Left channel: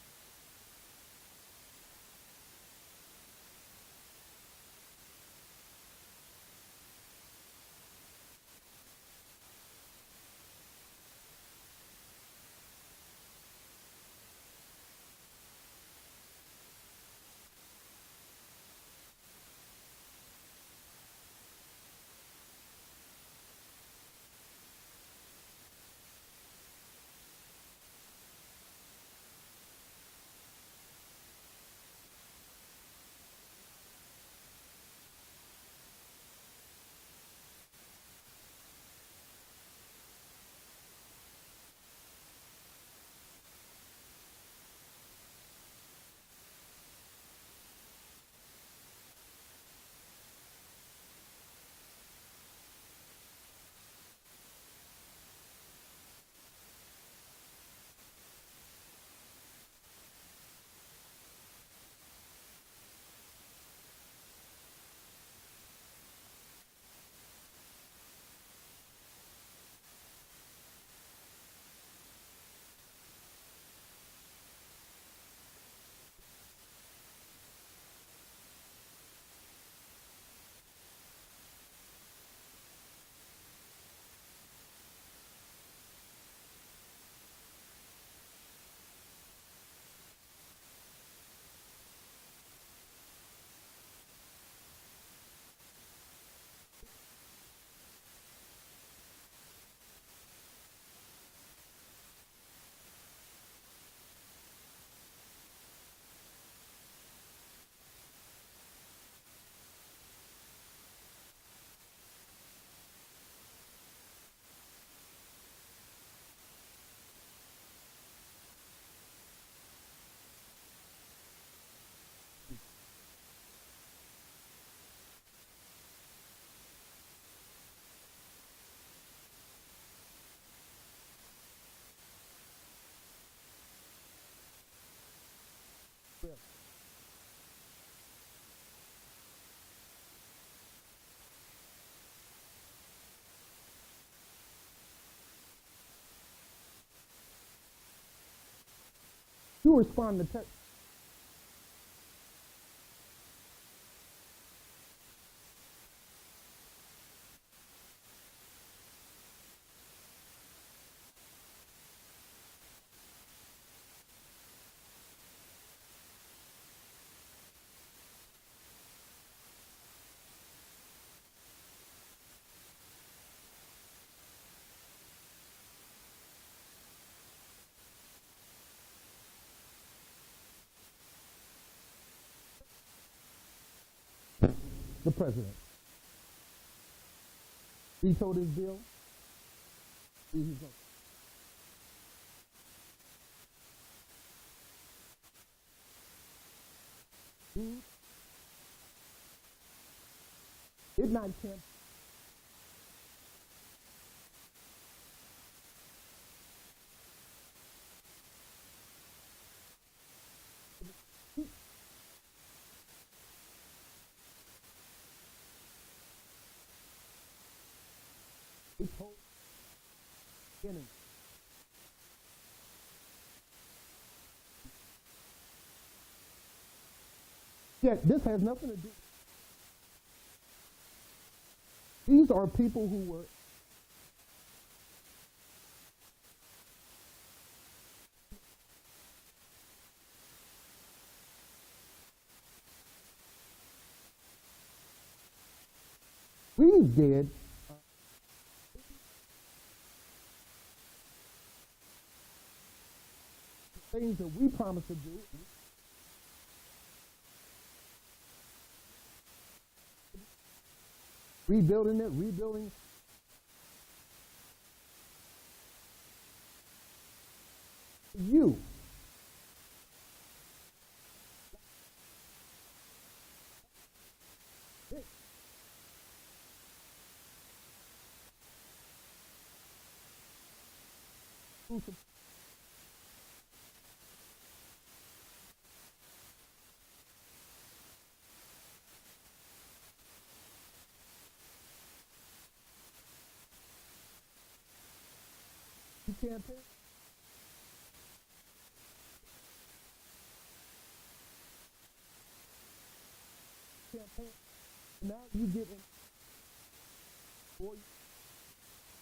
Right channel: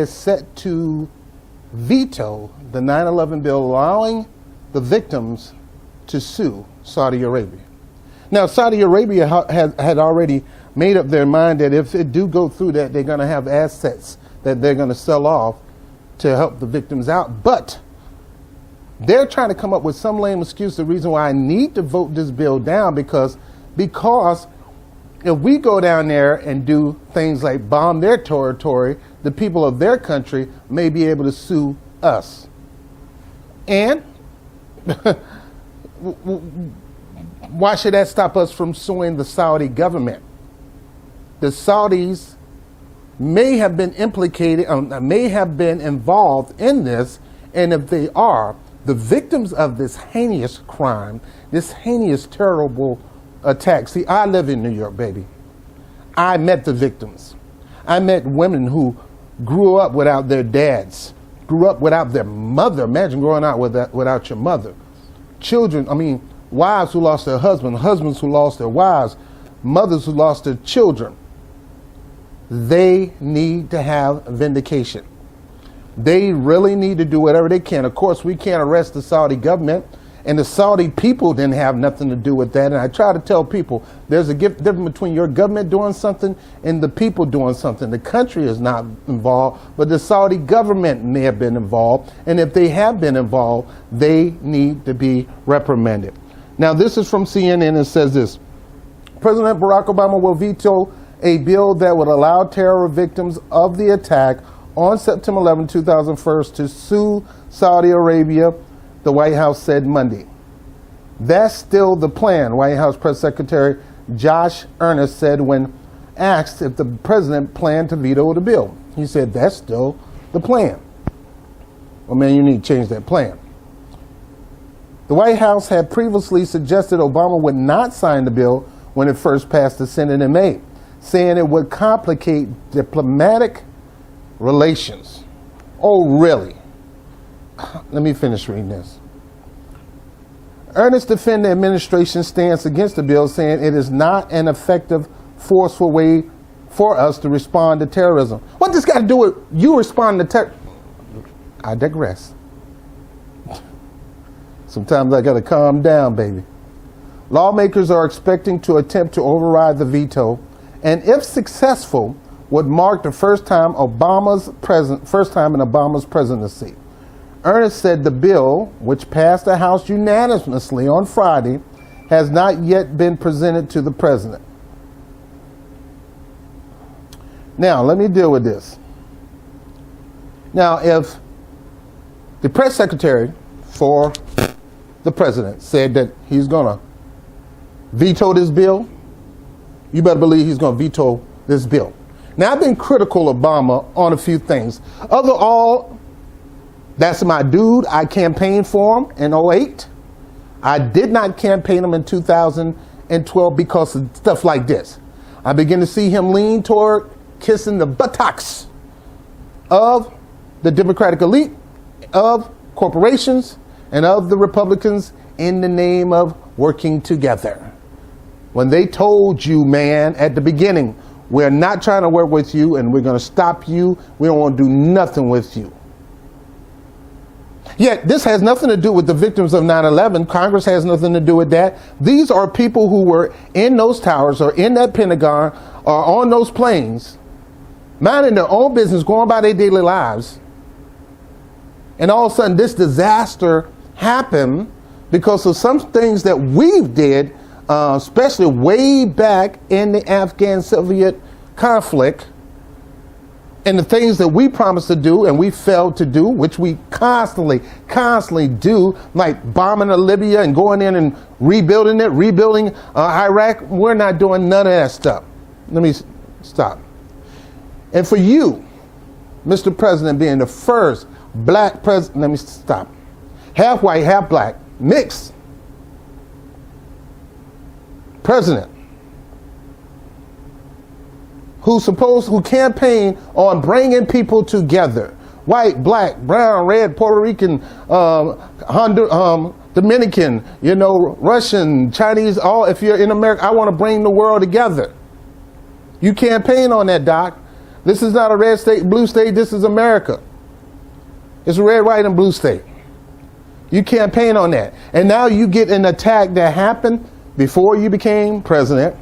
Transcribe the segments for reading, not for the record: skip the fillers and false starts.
is set to veto the 9/11 bill allowing the victims to sue Saudi Arabia. Now, Saudi Arabia had already made up their mind that if it do go through that, they're going to have assets that they're going to sell off to help the victims out. But they're trying to come up with some lame excuse, the reason why I need to vote this bill down, because if we go down there and do things like bomb their territory, the people of their country may be able to sue us. And why should that stop us from suing the Saudi government? The Saudis may have been implicated, may have been involved in this, and if they are, the victims of this heinous crime, this heinous, terrible attack. See, I live in New York, baby. I met the victims. I met women who grew up without their dads, grew up without their mother. Imagine growing up without your mother. Children, wives who lost their husbands who lost their wives, mothers who lost their children. They need to have vindication. They really need to do whatever they can. Of course, we can't arrest the Saudi government, and the Saudi people didn't have nothing to do with that. And I try to tell people there's a difference between your government doing something and the people doing something. The country is not involved, but the Saudi government may have been involved. And if they have been involved, they need to be reprimanded. Now, this is from CNN. It says this: President Barack Obama will veto a bill that would allow terror victims of the attack on September 11, 2001 to sue Saudi Arabia, the White House said Monday. That's still the plan, White House Press Secretary Josh Earnest said when asked if the president planned to veto the bill. He said, that's still the plan. Well, man, you need to change that plan. The White House had previously suggested Obama would not sign the bill when it first passed the Senate in May, saying it would complicate diplomatic relations. Oh, really? Let me finish reading this. Ernest defended the administration's stance against the bill, saying it is not an effective, forceful way for us to respond to terrorism. What does this got to do with you responding to terror? I digress. Sometimes I got to calm down, baby. Lawmakers are expecting to attempt to override the veto, and if successful, would mark the first time in Obama's presidency. Ernest said the bill, which passed the House unanimously on Friday, has not yet been presented to the president. Now, let me deal with this. Now, if the press secretary for the president said that he's going to veto this bill, you better believe he's going to veto this bill. Now, I've been critical of Obama on a few things. Overall, that's my dude. I campaigned for him in 2008. I did not campaign him in 2012 because of stuff like this. I begin to see him lean toward kissing the buttocks of the Democratic elite, of corporations, and of the Republicans in the name of working together. When they told you, man, at the beginning, we're not trying to work with you and we're going to stop you. We don't want to do nothing with you. Yet this has nothing to do with the victims of 9/11. Congress has nothing to do with that. These are people who were in those towers or in that Pentagon or on those planes, minding their own business, going about their daily lives. And all of a sudden this disaster happened because of some things that we did, especially way back in the Afghan-Soviet conflict, and the things that we promised to do and we failed to do, which we constantly do, like bombing Libya and going in and rebuilding Iraq. We're not doing none of that stuff. Let me stop. And for you, Mr. President, being the first black president, let me stop. Half white, half black, mixed president, who campaigned on bringing people together, white, black, brown, red, Puerto Rican, Dominican, Russian, Chinese, all. If you're in America, I want to bring the world together. You campaign on that, Doc. This is not a red state, blue state. This is America. It's a red, white, and blue state. You campaign on that. And now you get an attack that happened before you became president.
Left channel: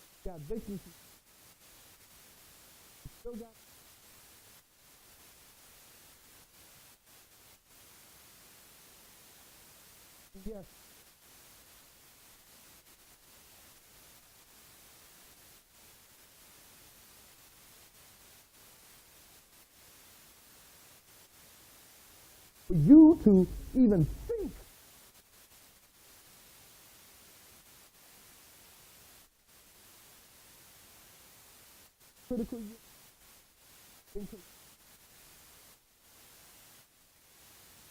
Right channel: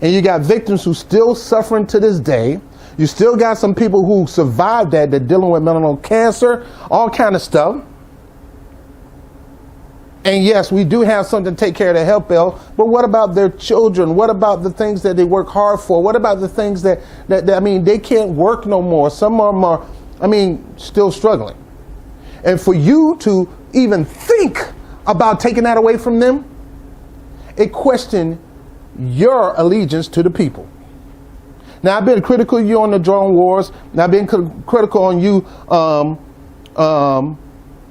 And you got victims who still suffering to this day. You still got some people who survived that, they're dealing with melanoma cancer, all kind of stuff. And yes, we do have something to take care of the health bill, but what about their children? What about the things that they work hard for? What about the things that I mean, they can't work no more. Some of them are, I mean, still struggling. And for you to even think about taking that away from them, it questions your allegiance to the people. Now, I've been critical of you on the drone wars, and I've been critical on you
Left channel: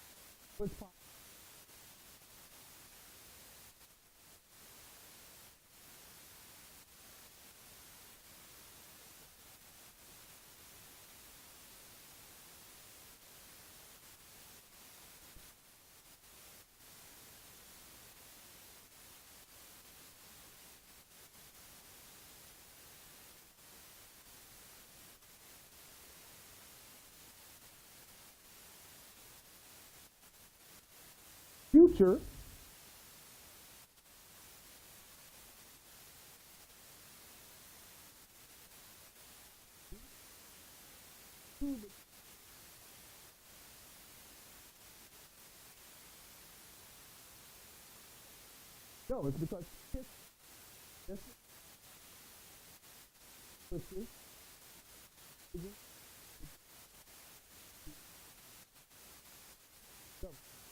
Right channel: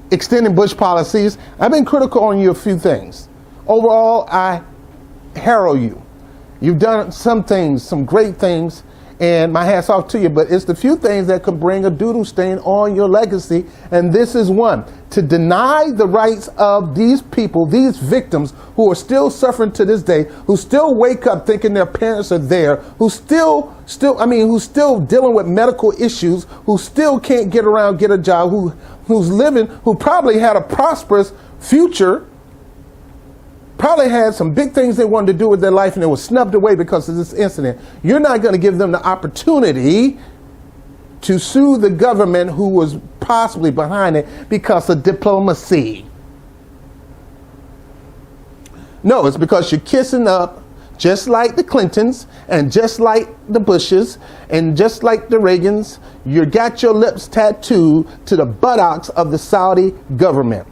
extending Bush policies. I've been critical on you a few things. Overall, I herald you. You've done some things, some great things, and my hat's off to you, but it's the few things that could bring a doodle stain on your legacy, and this is one. To deny the rights of these people, these victims who are still suffering to this day, who still wake up thinking their parents are there, who still dealing with medical issues, who still can't get around, get a job, who's living, who probably had a prosperous future, probably had some big things they wanted to do with their life and they were snubbed away because of this incident. You're not going to give them the opportunity to sue the government who was possibly behind it because of diplomacy. No, it's because you're kissing up just like the Clintons and just like the Bushes and just like the Reagans. You got your lips tattooed to the buttocks of the Saudi government.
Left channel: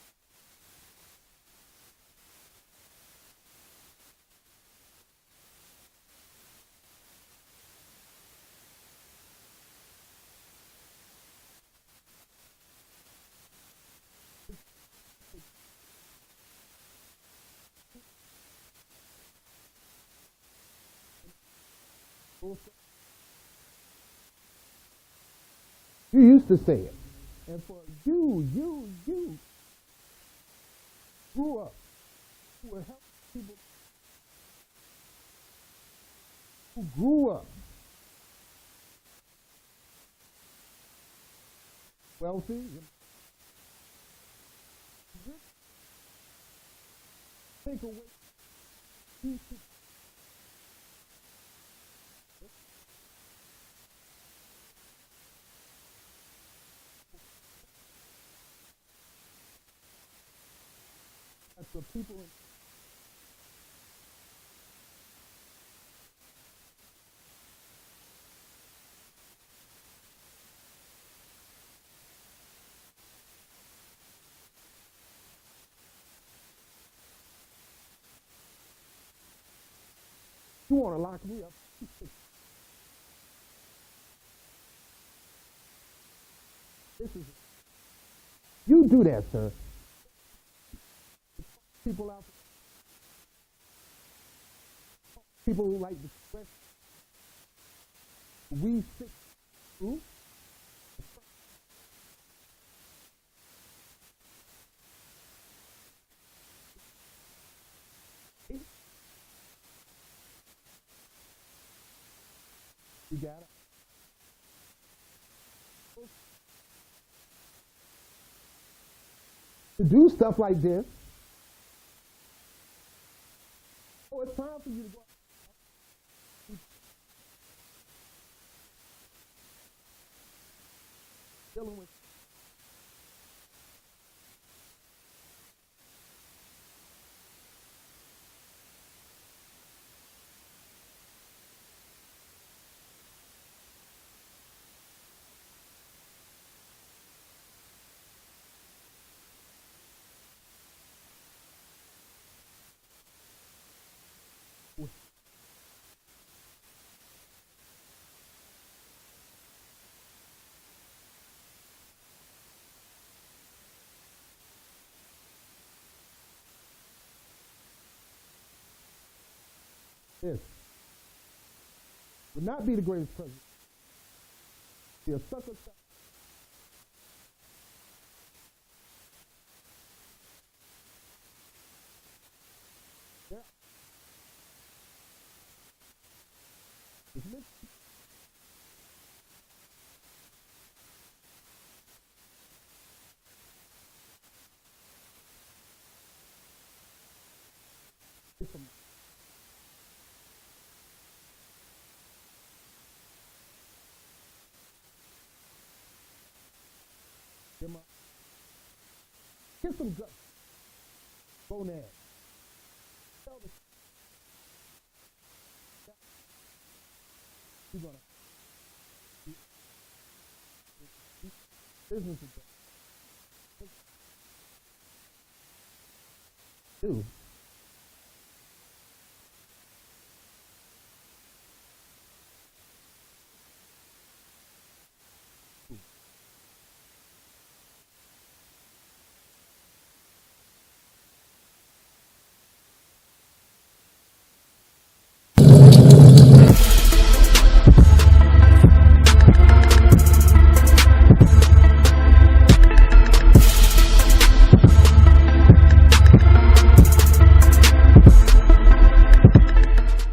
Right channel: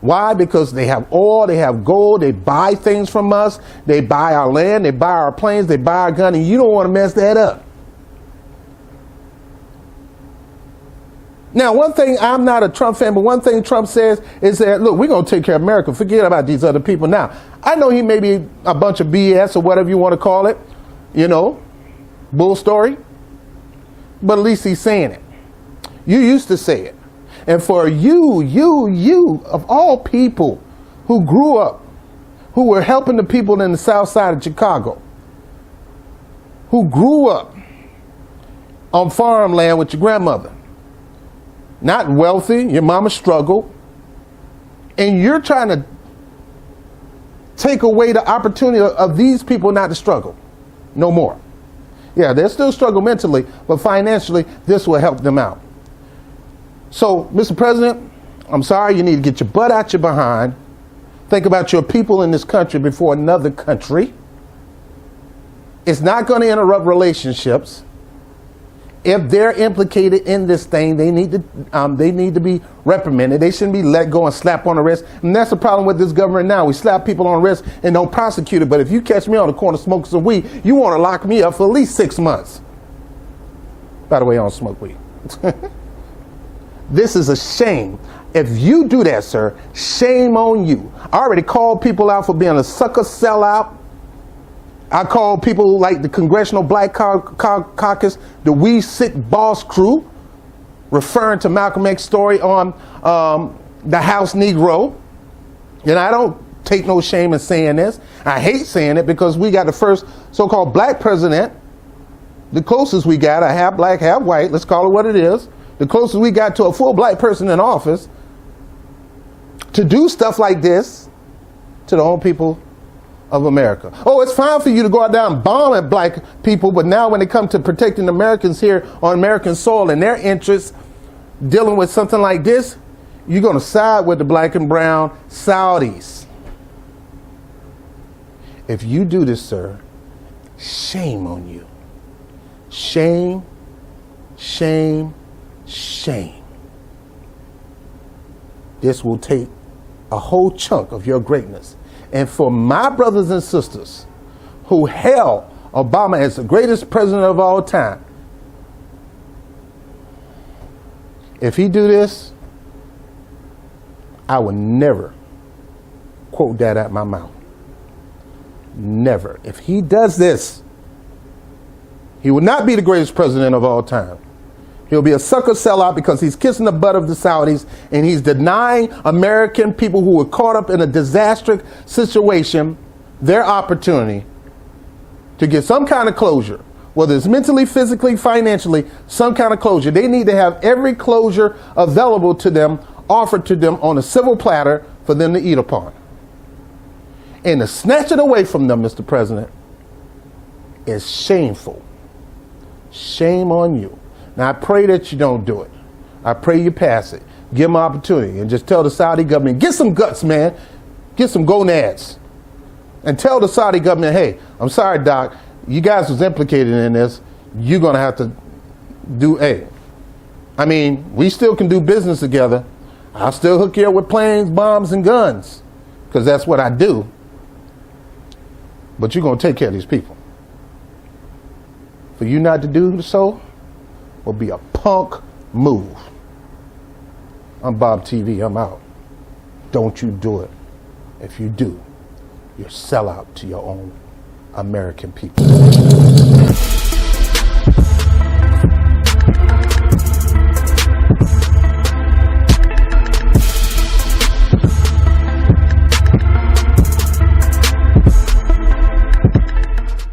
Why? Because they have oil, they have gold, they buy things from us, they buy our land, they buy our planes, they buy our gun, and you don't want to mess that up. Now, one thing, I'm not a Trump fan, but one thing Trump says is that, look, we're going to take care of America. Forget about these other people. Now, I know he may be a bunch of BS or whatever you want to call it, you know, bull story, but at least he's saying it. You used to say it. And for you, of all people who grew up, who were helping the people in the south side of Chicago, who grew up on farmland with your grandmother, not wealthy, your mama struggled, and you're trying to take away the opportunity of these people not to struggle no more. Yeah, they'll still struggle mentally, but financially, this will help them out. So, Mr. President, I'm sorry, you need to get your butt out your behind. Think about your people in this country before another country. It's not going to interrupt relationships. If they're implicated in this thing, they need to be reprimanded. They shouldn't be let go and slapped on the wrist. And that's the problem with this government now. We slap people on the wrist and don't prosecute it. But if you catch me on the corner smoking some weed, you want to lock me up for at least 6 months. By the way, I don't smoke weed. This is a shame. If you do that, sir, shame on you. I already called people out for being a sucker sellout. I called people like the Congressional Black Caucus, the We Sick Boss Crew, referring to Malcolm X's story on the House Negro. And I don't take no shame in saying this. I hate saying it because we got the first so-called black president, the closest we got, a half black, half white, let's call it what it is, the closest we got to a full black person in office, to do stuff like this to the own people of America. Oh, it's fine for you to go out there and bomb at black people, but now when it comes to protecting Americans here on American soil and their interests, dealing with something like this, you're going to side with the black and brown Saudis. If you do this, sir, shame on you. Shame, shame, shame. This will take a whole chunk of your greatness. And for my brothers and sisters who hail Obama as the greatest president of all time, if he do this, I will never quote that out my mouth. Never. If he does this, he will not be the greatest president of all time. He'll be a sucker sellout because he's kissing the butt of the Saudis and he's denying American people who were caught up in a disastrous situation their opportunity to get some kind of closure. whether it's mentally, physically, financially, some kind of closure. They need to have every closure available to them, offered to them on a silver platter for them to eat upon. And to snatch it away from them, Mr. President, is shameful. Shame on you. Now, I pray that you don't do it. I pray you pass it. Give them an opportunity and just tell the Saudi government, get some guts, man. Get some gonads. And tell the Saudi government, hey, I'm sorry, Doc, you guys was implicated in this. You're going to have to do A. I mean, we still can do business together. I'll still hook you up with planes, bombs, and guns, because that's what I do. But you're going to take care of these people. For you not to do so will be a punk move. I'm Bob TV. I'm out. Don't you do it. If you do, you're a sellout to your own American people.